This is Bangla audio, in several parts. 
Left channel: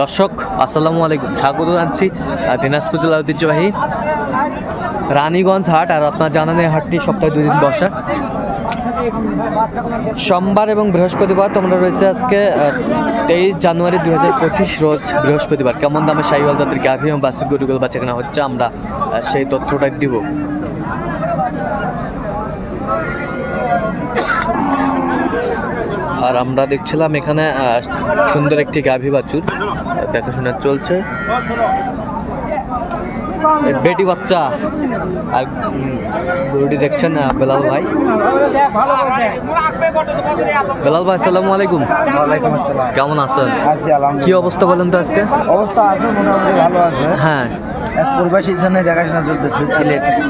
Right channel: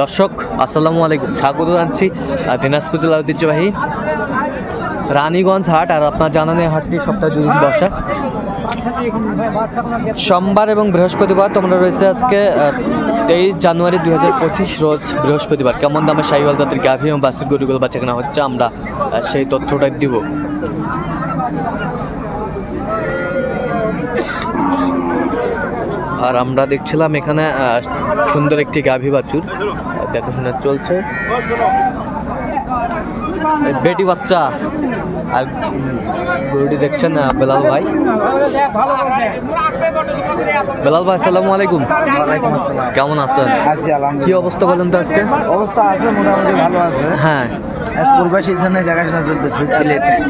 দর্শক আসসালামু আলাইকুম, স্বাগত জানাচ্ছি দিনাজপুর জেলার ঐতিহ্যবাহী রানীগঞ্জ হাট। আর আপনার জানেন এই হাটটি সপ্তাহে 2 দিন বসা, সোমবার এবং বৃহস্পতিবার। তোমরা রয়েছে আজকে 23 জানুয়ারি 2025 রোজ বৃহস্পতিবার। কেমন দামে শাহিওয়াল জাতের গাভী এবং বাছুর গরুগুলো বাচ্চা কেনা হচ্ছে, আমরা সেই তথ্যটাই দিব। আর আমরা দেখছিলাম এখানে সুন্দর একটি গাভী বাছুর দেখাশোনা চলছে, বেটি বাচ্চা। আর গরুটি দেখছেন বেলাল ভাই। বেলাল ভাই আসসালামু আলাইকুম। ওয়ালাইকুম আসসালাম। কেমন আছেন? আছি আলহামদুলিল্লাহ। কি অবস্থা বলেন তো আজকে? অবস্থা আছে মোটামুটি ভালো আছে। হ্যাঁ, এক প্রবাসী এখানে দেখাশোনা চলতেছে।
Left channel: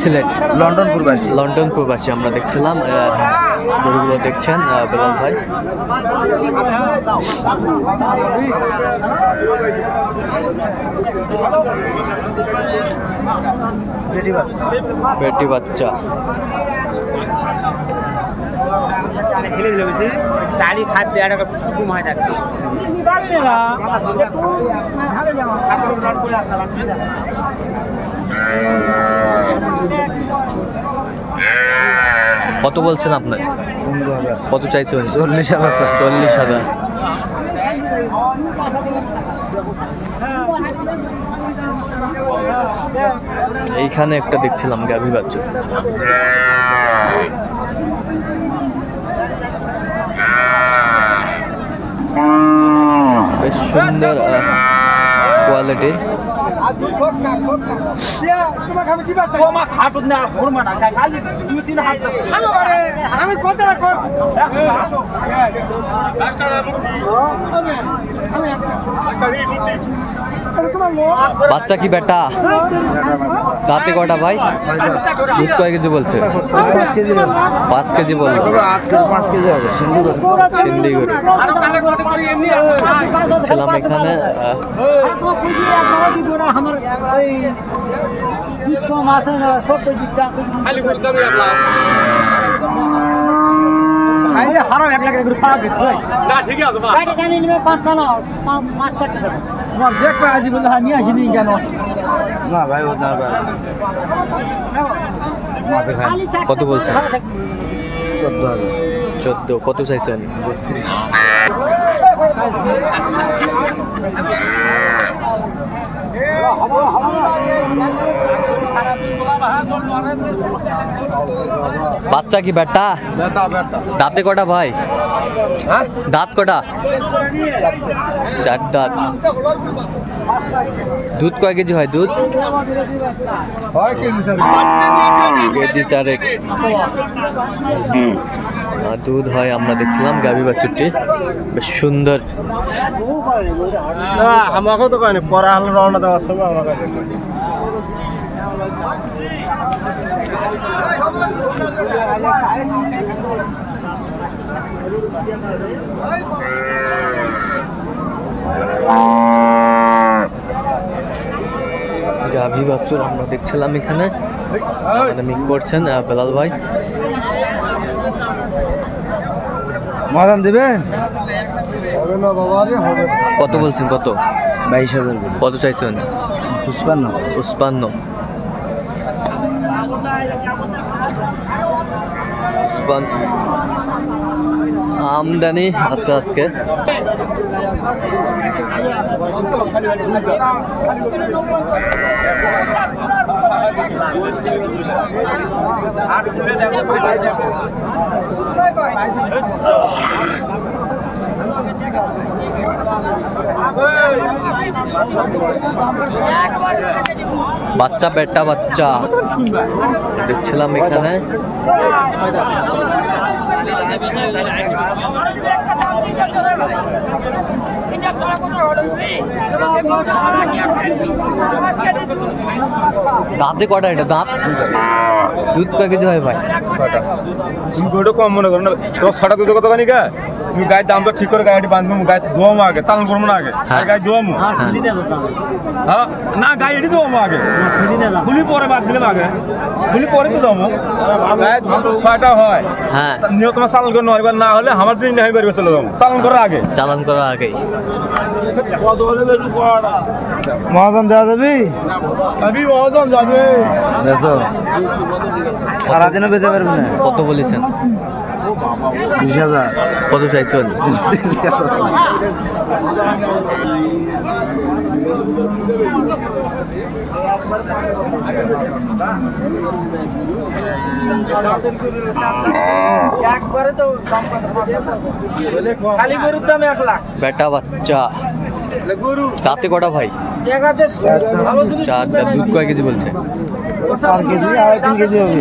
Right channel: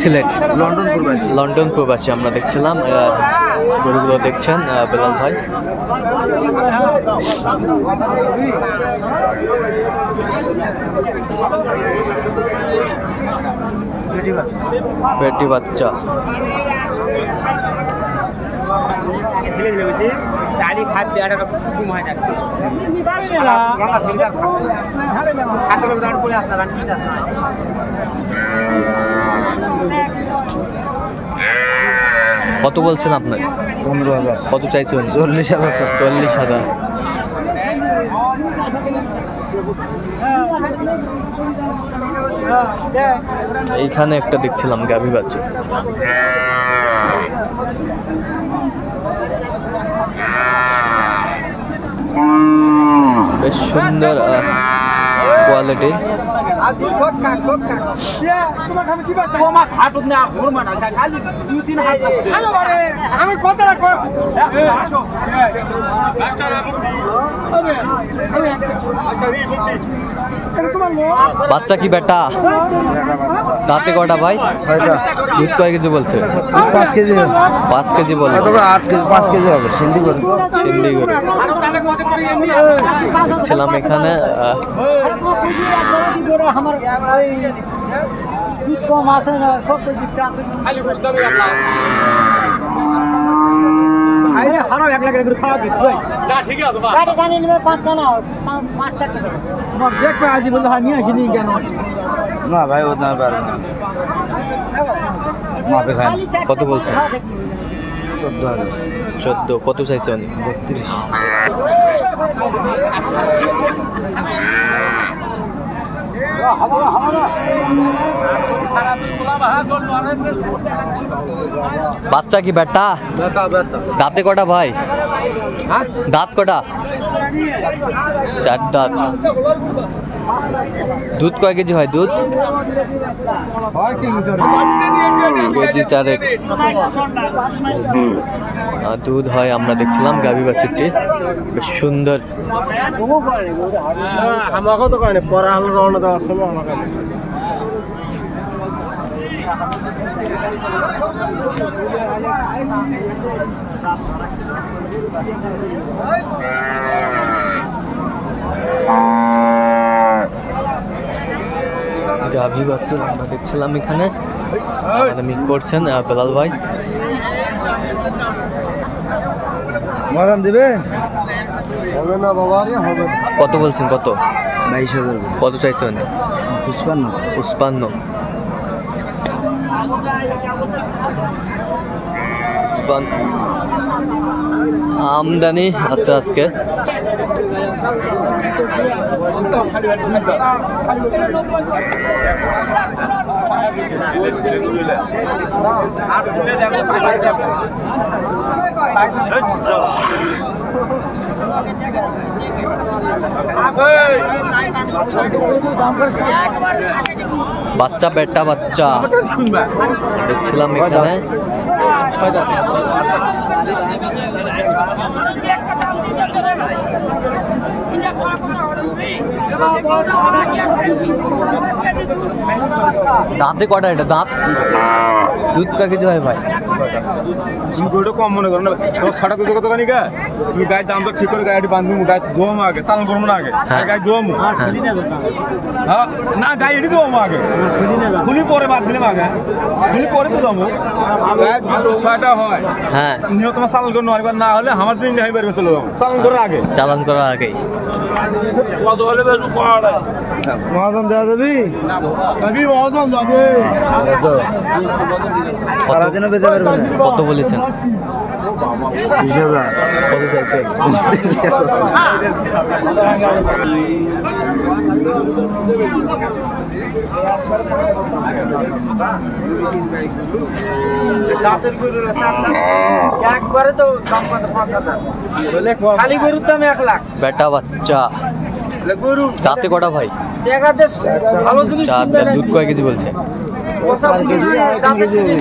সিলেট লন্ডন প্রবাসী। লন্ডন প্রবাসী আমরা দেখছিলাম। গরুগুলো দেখছেন বেলাল ভাই। বেটি বাচ্চা কত বলছেন আপনার? 15,000। কত চাইছেন? 40,000। 40,000। এইখানে একটা দেখছিলাম গাভী বাচ্চা, বেশ সুন্দর কোয়ালিটির। বাচ্চা কি বেটা? দাঁতে কটা ভাই? দুধ কয় কেজি বলছে? 5 কেজি। 5 কেজি বললো। 5 কেজি হবে। সিন্ধি গরু ছিলাম এখানে। না ভাই ও না পারে। কত বলছেন? 14,000। 14। কত চাইছে উনি? 32। বাচ্চা কি বেটা? দাঁতে কটা ভাই? দাঁত কটা? 4 দাঁত। দুধ কয় কেজি হয়? দুধ কেজি 4 দুধ হয়। আমরা দেখছিলাম গাভী বাছুরটি বেশ সুন্দর। আমাকেও তো করেনি পরে আমার রওনা দেওয়ার সময় আমাকে গাভী বাছুর আমরা দেখছিলাম এখানে। মিক করছেন বেলাল ভাই। মহাদান দিবেন? হবে না বাবা রে, হবে। কত বলছেন? কত? 22,000। কত চাইছেন? 55। 55। আমদানি আছে আজকে। বাচ্চা বেটা বাচ্চা দেখছিলাম এখানে। দাঁতে কটা? এটা দাঁত। দুধ কয় কেজি হয় ভাই? কম মনে করো না, তোমার 6টা দুধ কত পানি গা? তুমি গায়ের দামটা ঠিক করে গাড়ি বাঁধবো, গায়ে ধোয়ামো আগে, চালন করবো না আগে, গায়ে ধোয়ামো। হ্যাঁ না, গায়ে এটি ধোয়ামো আগে, খুলি পরে বাদ দিলাম আগে, খুলি পরে তো যাবো। গায়ে 6টা হয়, হ্যাঁ নিয়ে তোমার চালন করে নেওয়ার না হলে আমার দিন হয়ে পারবে, চলে যাবো চালন করার আগে। চালান করার আগেই মহাদান দেওয়া যাবি মহাদান যাবে সারাদিনও বেঁচে পারবি না। কত বলেছেন? 20,000। কত চাইছেন? বেটা বাচ্চা দাঁতে কটা ভাই? 4 দাঁত। দুধ কয় কেজি বলছে?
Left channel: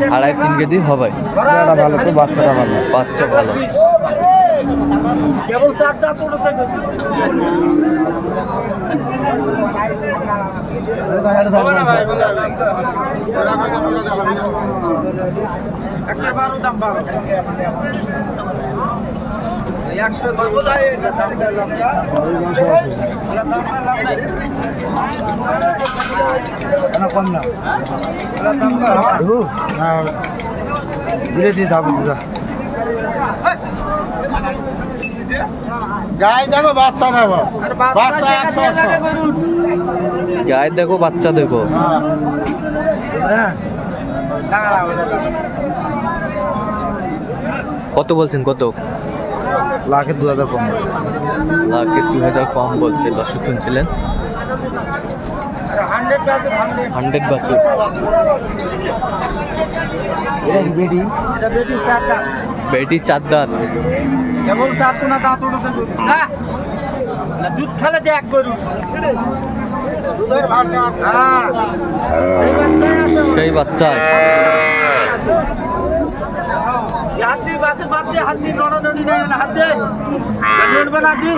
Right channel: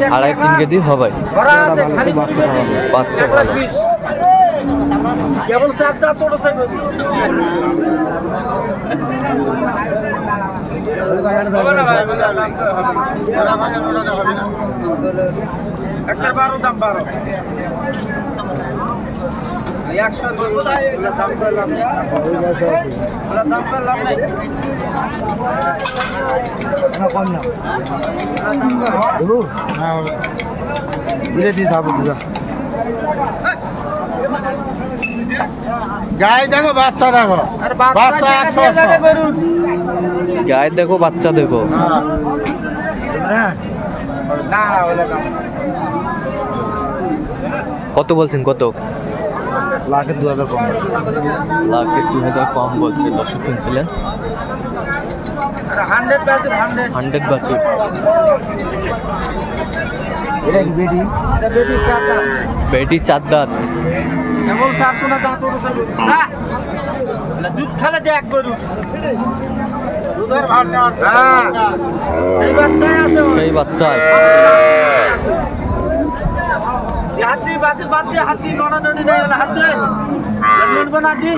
2.5-3 কেজি হবে। বাচ্চা ভালো। কম না ধীরে ধীরে ধাপ দিতে গায়ে দেখো বাচ্চা দেখো বাচ্চা 100 গায়ে দেখো বাচ্চা দেখো। কত বলছেন? কত? 1,02,000 কম। 1,02,000 কম বলছে। দর্শক শুনছিলেন 100 বাছুর। বেটি 4 দাঁত। দুধ খালে দেখ গরু সেই বাচ্চা আছে। হাত দিয়ে বাসে বাদ দিয়ে হাত দিয়ে নড়ানড়ি নাই হাত দিয়ে নড়বে না দি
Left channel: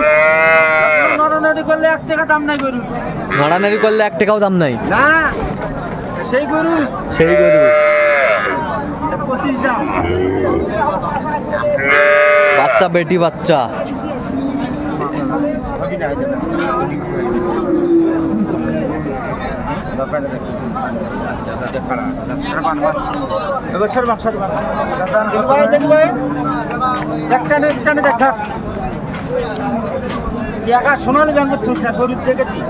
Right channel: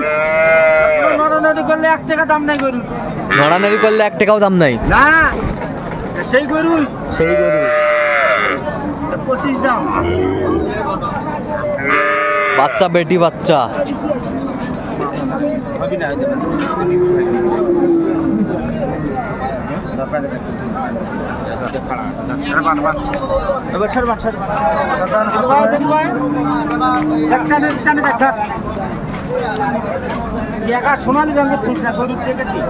নড়ানড়ি করলে 1 টাকা দাম নাই গরু। নড়ানড়ি করলে 1 টাকাও দাম নাই। না সেই গরু 25 দাম। বাচ্চা বেটি বাচ্চা। সোনালি ব্যাংকের ঠিক না গরুর থেকে কি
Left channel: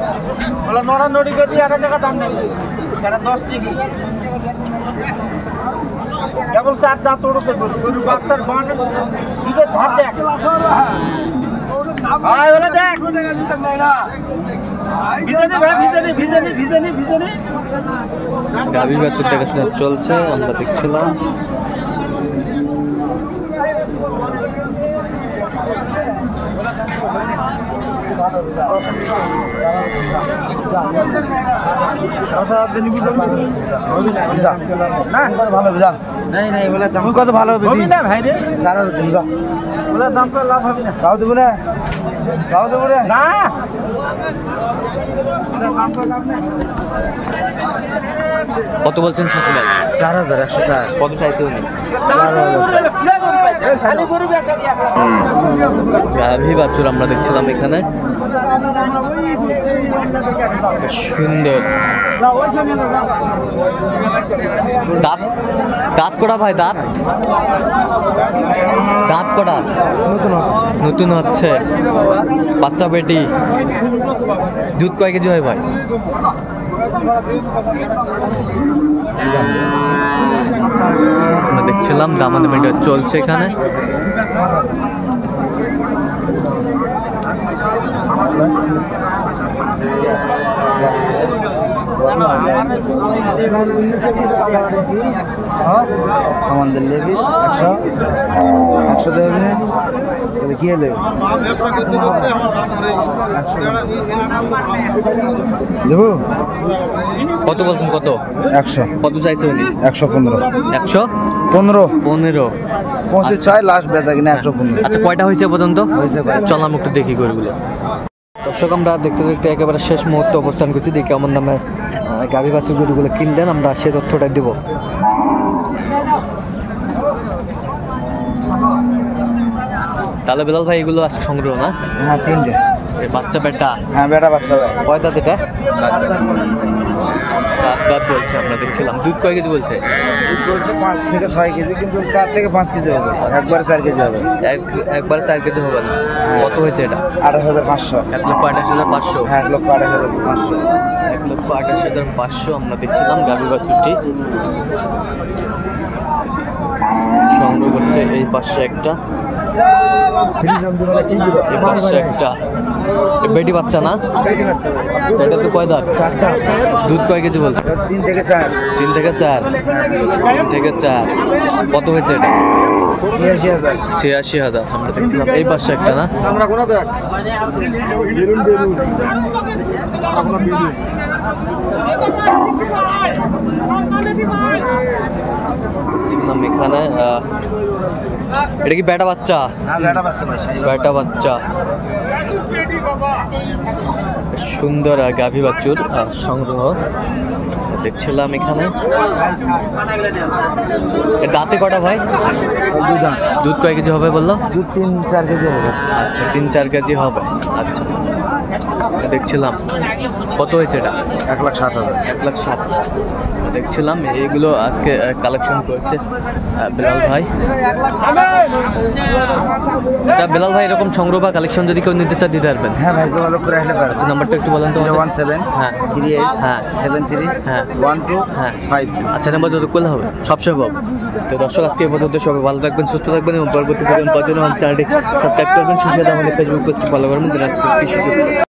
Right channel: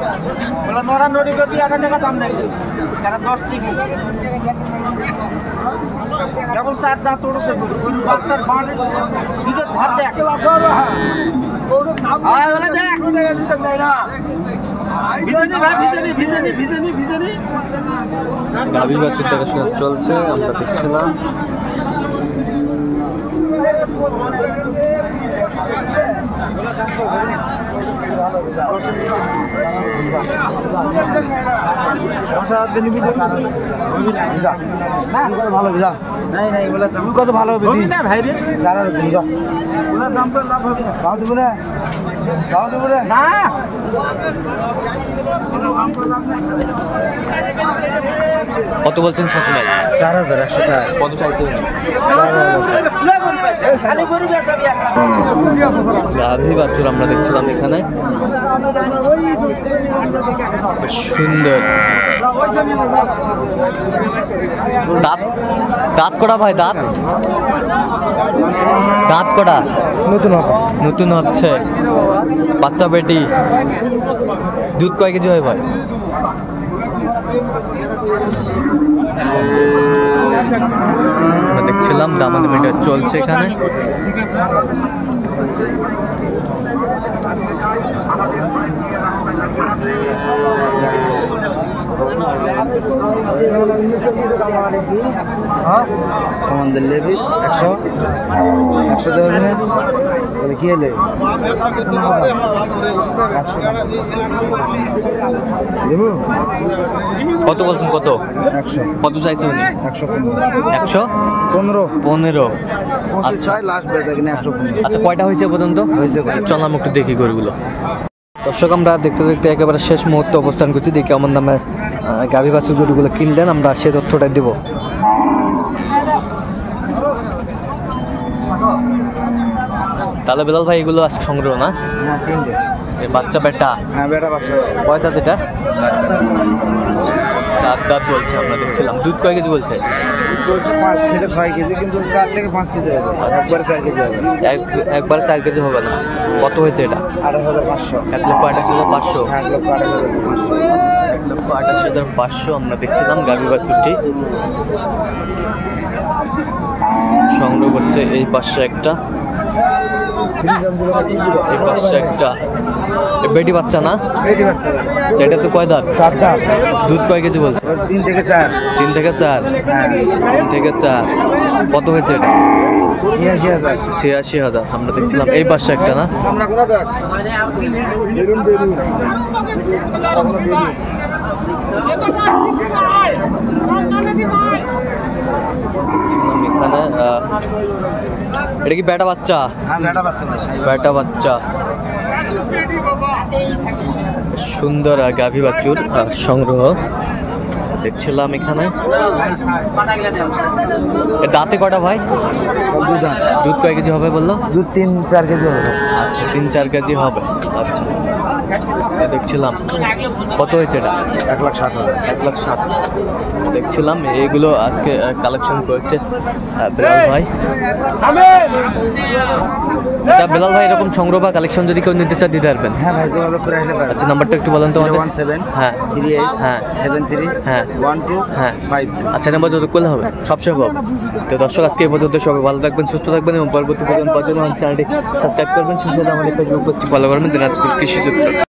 বলে নড়ানড়ি করবি 1 টাকা দাম নাই 10 টিকি কেবল 4 দাঁত উঠেছে গরু গরু বাচ্চার বান দুধের ভাত দেখ গাভীর বাছুর দেখাশোনা চলছে, আমরা দেখছিলাম। ভালো কত ভালো হবে ভাই রে 4,000 দিন দাম করে লাভ হবে না। তাও দেবো না না কত বলছেন শাশুড়ি? 4,104। কত চাইছে উনি? গাভী বাছুর আমরা দেখছিলাম এখানে, বেশ সুন্দর। দাঁত দাঁত কটা ভাই? দাঁত কটা? নতুন হচ্ছে। বাচ্চা বেটি। দুধ কয় কেজি হয় ভাই? আমরা দেখছিলাম দামাদামিটা চলছে এখানে। আমাদের লেবি 100 দেবে না তাহলে কি হলে দেবো। কত বলছেন? কত? 100। কত চাইছে উনি? 115। 115। 25 লাস্ট বেচা কিনা 115। আচ্ছা, কয়টা হয়েছে পর্যন্ত? চল আমি একটু দেখি গরুগুলো। দর্শক, আমরা দেখতে দেখতে একেবারে শেষ মুহূর্তে অবস্থান করছি। দেখি কেমন দামে গাভী বাছুর গরুগুলো কিনলেন, আমরা সে তথ্যটা দেব। তাহলে বেলাল ভাই, এগুলো আজকে সংগ্রহ না? না, 3টে। বাচ্চা বেটা? হ্যাঁ, বেটা বাচ্চা। কয় দাঁত এটা? 4 দাঁত বলছে, আমরা দেখছিলাম। দুধ কয় কেজি বলছে? চলছে 5 থেকে 6 কেজি, কিন্তু 4 থেকে 5 কেজি হবে, একবারে 4 কেজি হবে। একবারে 4 কেজি হবে না। কত হয়েছে এটা? 28,500। 1,28,500। হ্যাঁ, 1,28,500। 1,28,500 আমরা দেখছিলাম গাভী বাছুরটি সংগ্রহ করছে। এই পাশে একটা, এই পাশে একটা বেটি বাচ্চা না, বেটি বাচ্চা এটা তো কয় দাঁত? 7 দাঁত। দুধ কয় কেজি বলছে? 3 থেকে 4। 3 থেকে 4। 3 থেকে 4। কত হয়েছে এটা? 86,000। 86,000 আমরা দেখছিলাম। এই পাশে একটা না, আমরা কোন দেখ বেলুন বেলুন দেখছিলাম এখানে। এটা কি বেটা বাচ্চা? হ্যাঁ, বেটা বাচ্চা ভাই, বেটা বাচ্চা। সুন্দর গাভী বাছুর সংগ্রহ দেখছিলাম এখানে। এর দাঁতে কটা ভাই? দুধ দাঁত। দুধ কয় কেজি হবে বললো? দুধ 3-4 কেজি হবে। আচ্ছা, 3-4 কেজি হবে। আচ্ছা, দেখছিলাম। কত হয়েছে এটা? 1,07,000। 1,07,000 দেখছিলাম। এগুলো আজকে কালেকশন করছে বেলাল ভাই। আচ্ছা বেলাল ভাই, এরকম সংগ্রহ বা কালেকশন যদি কেউ নিতে চায় দিতে পারবেন? হ্যাঁ ভাই, যোগাযোগ করে আসলে পারবেন। আচ্ছা, নাম্বারটা একটু বলেন তো। 017 হ্যাঁ 38 হ্যাঁ 73 হ্যাঁ 12 হ্যাঁ 52। আচ্ছা, নাম্বার যোগাযোগ করলে হবে, সবসময় পাবো। তো দর্শক, আজকে এই পর্যন্ত। সবাই ভালো থাকবেন, সুস্থ থাকবেন এবং পরবর্তী পর্যন্ত চ্যানেলটি সাবস্ক্রাইব করবেন। সেই সাথে আমাদের ফেসবুক পেজটি ফলো করবেন, দিনাজপুর কৃষি চিত্র।